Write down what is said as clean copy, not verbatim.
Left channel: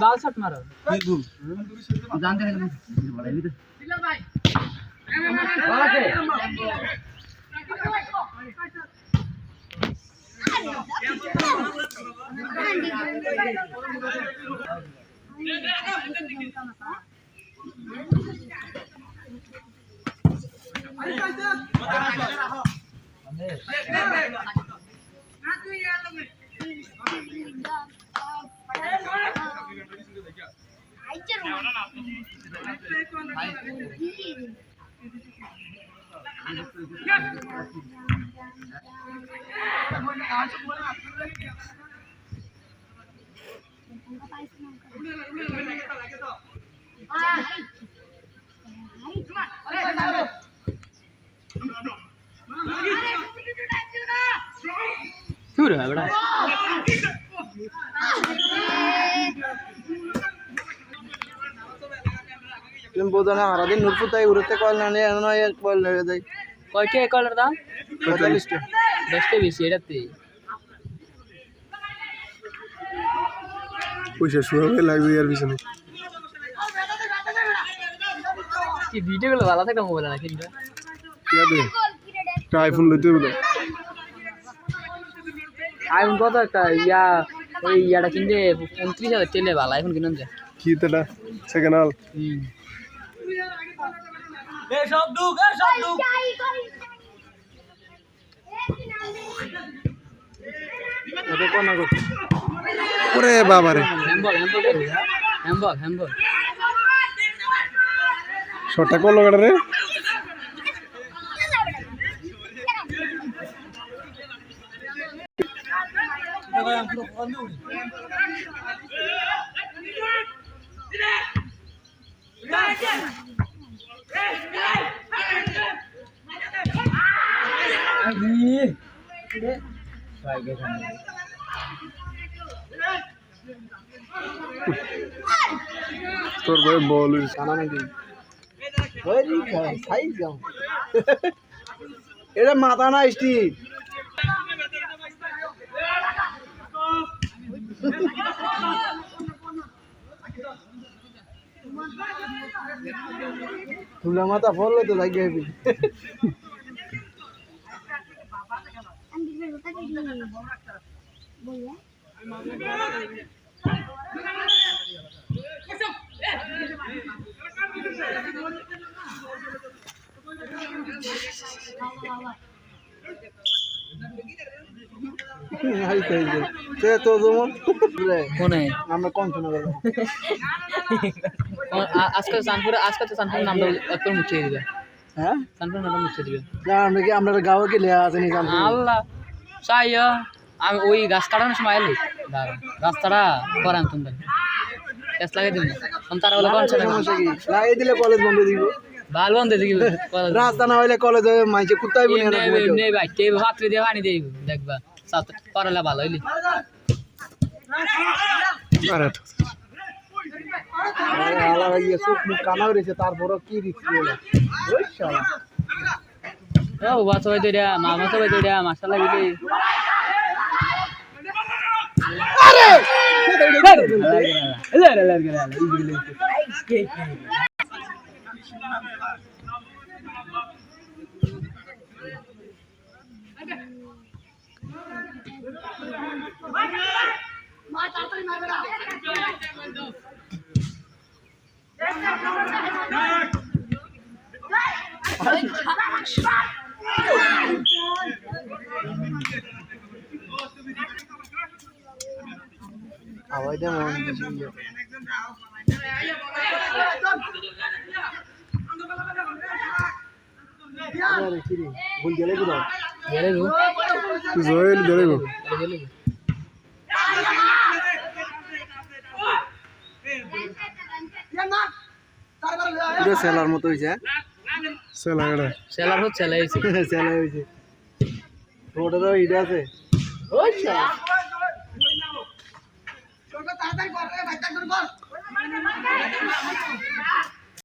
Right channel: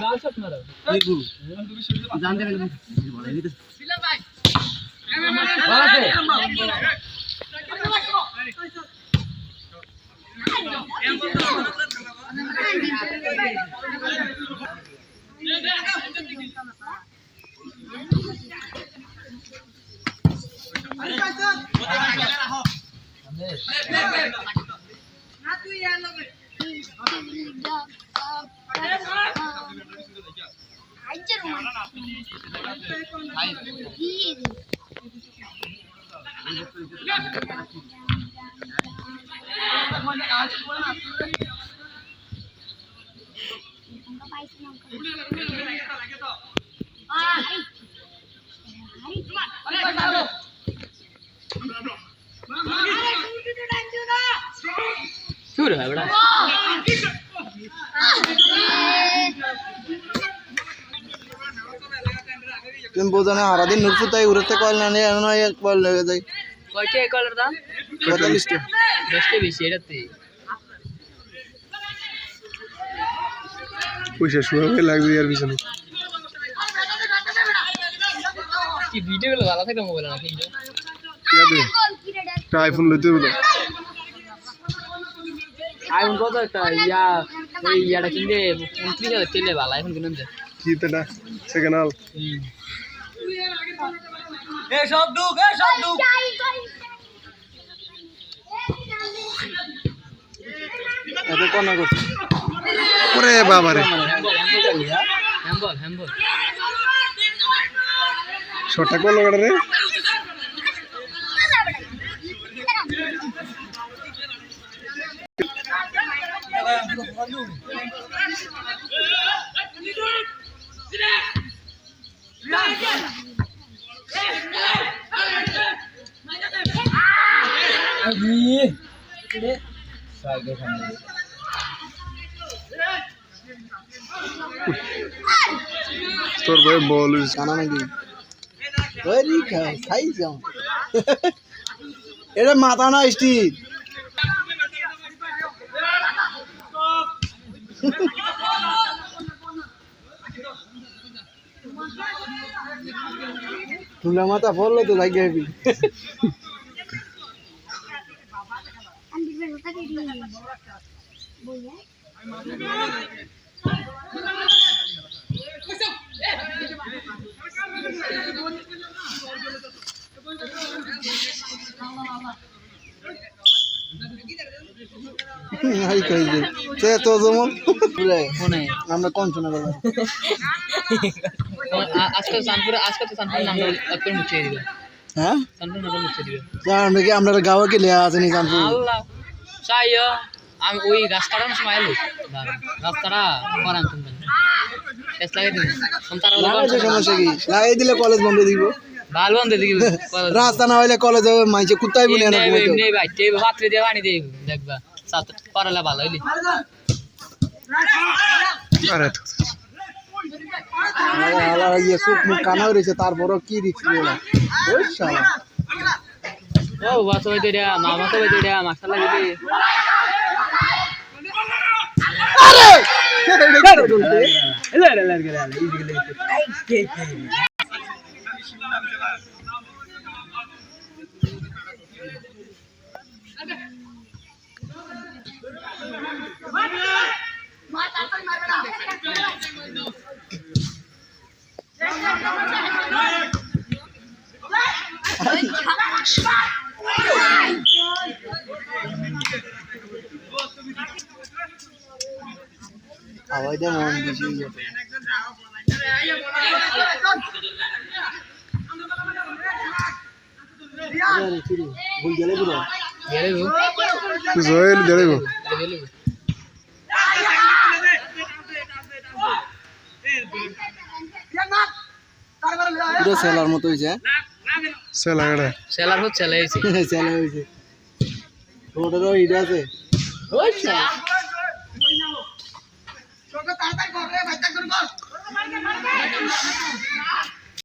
बाल शॉट मारो जान दे भाई तुम बोझा ना हरा दिन नुकसान है उरते कॉल ना नहीं अनु एक कॉल ले जाए कोई क्या कॉल रहा 45 के 10 के 20 एड़ते পয়সা শুয়াবে লাগবে আর পিছনে কি ভিডিওগুলো ভালো থাকে মোবাইলে নাকি ঠিক আছে একটা আইফোন লইতে বলো আইফোন কত একটা ওই ইয়াটা কিনলে 25000 তেলে ভালো আইফোন কিনুন যা কি তেটা সেকেন্ড হল সব ডুব এটা কোন করছে ওরে বাবা রে হ্যাম্বল শটটা কোন লাগাটা রে তোর ভাই বল জানা নাকি ওই খাই যাও এটা মাথা না স্টিক तुला माता फॉलो तो लग गया भी नहीं कहीं दे ते तो जमन बोले কোনে আমরা কোন শোনা বলো আজকে তো সানপুর নামটা একবার মুছে দিবে হ্যাঁ সানপুর নামটা মুছে দিবে জান কি আমরা গাওয়া কে লিয়া আছে নি জানতো আল্লাহ চাইয়া আমি ওই গাছ কাটানোর সময় এলি রাস্তাটা করাম তুমি গ্যাস লাগাই দিন তারা সমস্যা কি লাগাই দিলে কলেজ বন্ধ দিব ভালো বন্ধ দিবি রাস্তা না হইলে কলেজ হবে মাইছে কুত্তাই বলি না নেই ভাই তে ভাতরে দিয়ে পানি দেই দেখবা সাত পড়ালা ভালো হইলি আরে আলা ইয়ে সুখ মুখ কানা হইছে তারপরও কি রিস্ক বলা ওই শালা ও বাস হই দেয়া মামা তো হই দেয়া মাশাআল্লাহ দিবি আওয়াজ দে মন বেশি আরে চিরি ভুল গেলে পুরো গেলে গো জয়েল গেলে গো গেলে গো পুরো সেলার মতো হইছে সেলাগড়া সেলার হচ্ছে সেলাইছে সেলা হইছে রোডেরও ইডা আছে ওই শালা তাড়াতাড়ি কর রে বাচ্চা করে কর